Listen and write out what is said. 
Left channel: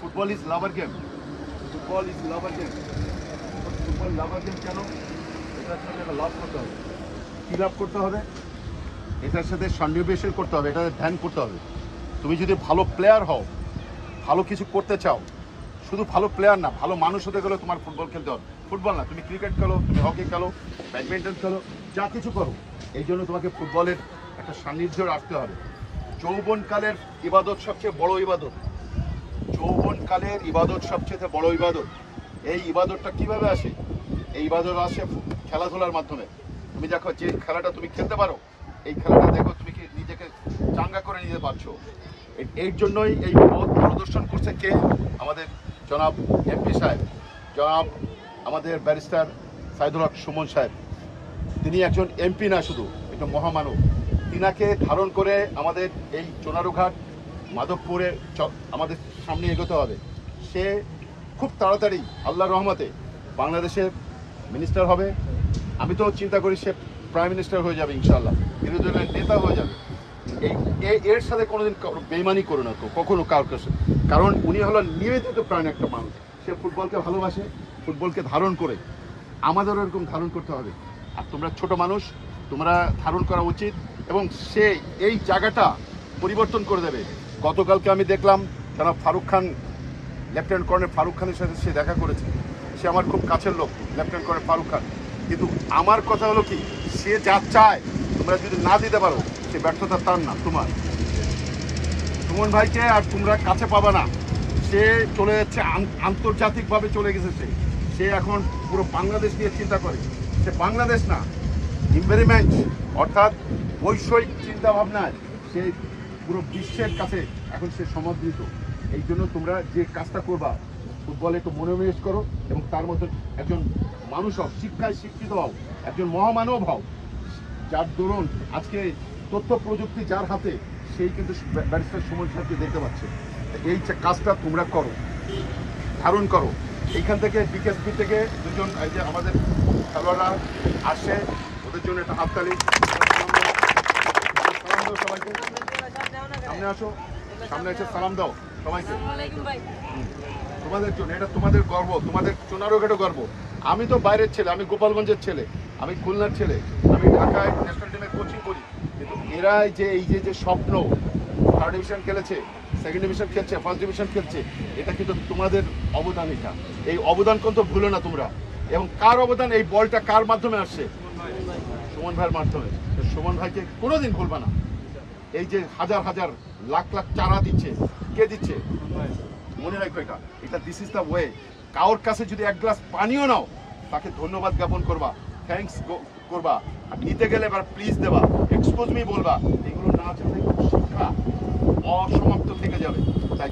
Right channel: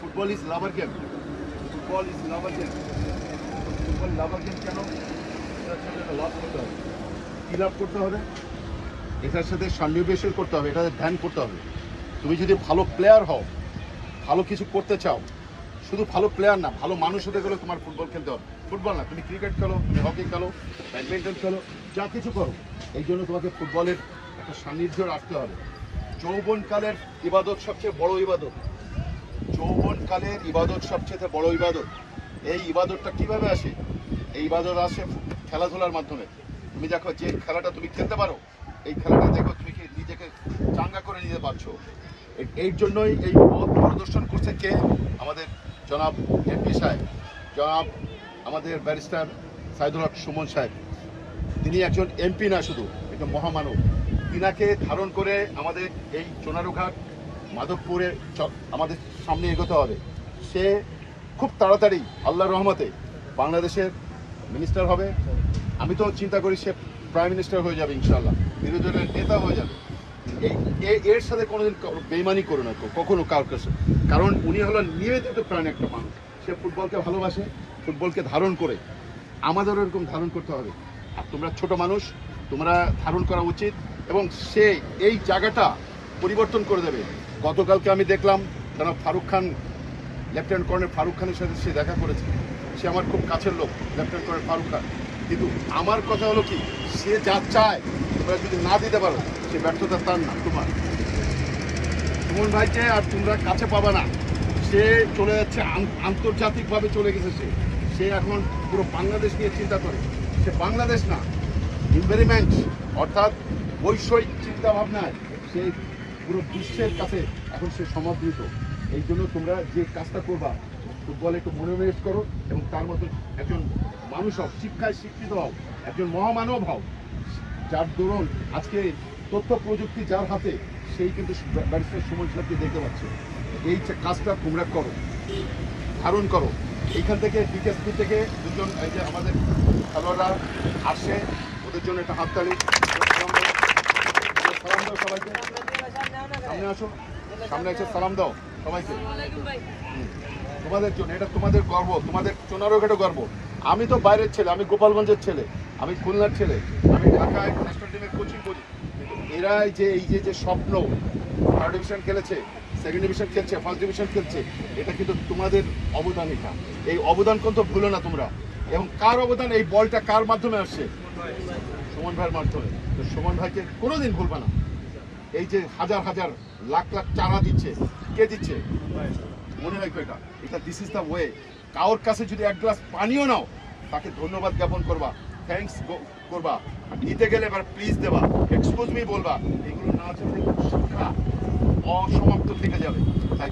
Football is lover game, football is lover game. Football lover game কেন? এটার সাথে একটা লাভ করতে হবে। কী লাভ করতে হবে? এটার সাথে সন্নিবেশ করতে হবে, এটাতে ধ্যান করতে হবে। তুমি যদি ভালো প্লেয়ার হও, ভালো কিছু করতে চাও, শুধু ভালো প্লেয়ার না, ভালো মানুষ হতে গেলে তোমার ফুটবল খেলতে হবে। ফুটবল না, তুমি ক্রিকেট খেলো, তুমি হকি খেলো, ব্যাডমিন্টন খেলো, যা কিছু করো, এই জন্য তোমাকে ফুটবলের একটা সান্নিধ্য রাখতে হবে। যৌবনকালের ইবাদত সবচেয়ে বড় ইবাদত, যৌবনকালের ইবাদত সবচেয়ে বড় ইবাদত। এই ইবাদতটা কিভাবে আসে? এই ইবাদত আসে খেলাধুলার মাধ্যমে। তুমি দেখো যে খেলাটা তুমি খেলতে পারো, এই খেলাটা দেখো তুমি কি নিজেকে চাঙ্গা করে নিতে পারছো। এর জন্যই এই পথ প্রদর্শন করছে কে? আমাদের জনাব এমপি সাহেব, জনাব আমাদের ব্যারিস্টার সাইদুল হক সুমন সাহেব। তিনি একজন এমপি না, শুধু একজন মহামানব। তিনাকে ধারণ করে আমাদের এই চোনারুঘাট মাধবপুরের আমাদের সামনে এগোতে হবে। সে খুব তাড়াতাড়ি আল্লাহর রহমতে বাংলাদেশের মিনিস্টার হবে। আমি তো চিন্তা করি সে প্রাইম মিনিস্টার হয়ে যাবে ইনশাল্লাহ, বিরোধী দলের নেতা হয়ে যাবে। এর সাথে কোনোদিন বেইমানি করো না কখনো কারোর কাছে, কারণ উনি হলো নিবেদিত প্রাণ একটা মানুষ। সে ফুটবলকে ভালোবাসে, ফুটবলকে ধারণ করে। আমাদেরও এরকম ধারণ করতে হবে। আর তোমরা ছোট মানুষ, তোমরা ধারণ করা উচিত, এবং সে এই জায়গাটা পরিবর্তন করে দেবে। গতকালকে আমি দেখলাম যারা ফারুক খান, লেফটেন্যান্ট কর্নেল ফারুক খানের সাথে সে দেখা করেছে। সে আমার খুব কাছের লোক, লেফটেন্যান্ট কর্নেল ফারুক খান। কিন্তু আমার কথা হলো কি, সে যা চায় তোমরা যদি না দিতে পারো, সে ব্যর্থতা তার না, তোমার। সুমন ভাইকে আর তোমরা কাছে পাবা না। সে চলে যাচ্ছে, আন্তর্জাতিকভাবে চলে গেছে। সে এখন পুরো বাংলাদেশ নিয়ে চিন্তা করে। সে বাংলাদেশ না, এনভায়রনমেন্ট অর্থাৎ বৈষয়িক চিন্তা ভাবনায় সে পুরো বিশ্বের কাছে এখন সে সমাদৃত। এই জন্য তোমরা যে কাজটা করবা, ফুটবলে একটু মনোনিবেশ করো, এবং তার মতো একজন মানুষ হও, শিক্ষায় শিক্ষিত হও, একজন মহামানব হও, যার দরুন আজকে তথ্য প্রযুক্তি যার হাতে, সেই কিন্তু ব্যারিস্টার সুমন সাহেবকে দেখতে পাচ্ছে। এই কাজটা তোমরা করো, ধারণ করো। এইখান থেকে বিকেএসপি থেকে দুজন এই যে আমাদের খেলোয়াড়রা আসে, ওদের জন্য একটা হাততালি। সালাম দাও সবাইকে, সামনে আসো, সামনে এসে সালাম দাও সবাইকে। তোমাদের জন্য এটা তোমাদের গর্ব, তোমাদের চোনারুঘাটও গর্ব। আমি তো বাইরের ছেলে, আমি গোপালগঞ্জের ছেলে, আমি খুলনার ছেলে, আমি ঢাকায় ন্যাশনাল টিমে কোচিং করি, কিন্তু এরাই যে এই যে স্বপ্ন, থার্ড ডিভিশন খেলেছে, সেকেন্ড ডিভিশন খেলছে, ফার্স্ট ডিভিশন খেলছে, এটা কিন্তু তোমাদের অবদান। এটা এই অবদান কিন্তু ভুলো না তোমরা। এবং কার অবদান? এই বলটা কার মাধ্যমে আসছে? সুমন ভাইয়ের মাধ্যমে। তো সুমন ভাইকে কোনোদিন ভুলবা না। এই যে হাজার হাজার লাখ লাখ চারা দিচ্ছে, কে দিচ্ছে? মনে রাখো এটা দিস ইজ দ্য ওয়ে। কারোর কাছে যদি এক গ্লাস পানিও নাও, তাকে ধন্যবাদ জ্ঞাপন করবা, থ্যাঙ্কস করবা। আর নিতে গেলে এবার প্লিজ দেবা, এক্সকিউজ মি বলবা। এগুলো না চাইলে শিক্ষা অসমাপ্ত থেকে যাবে। তাই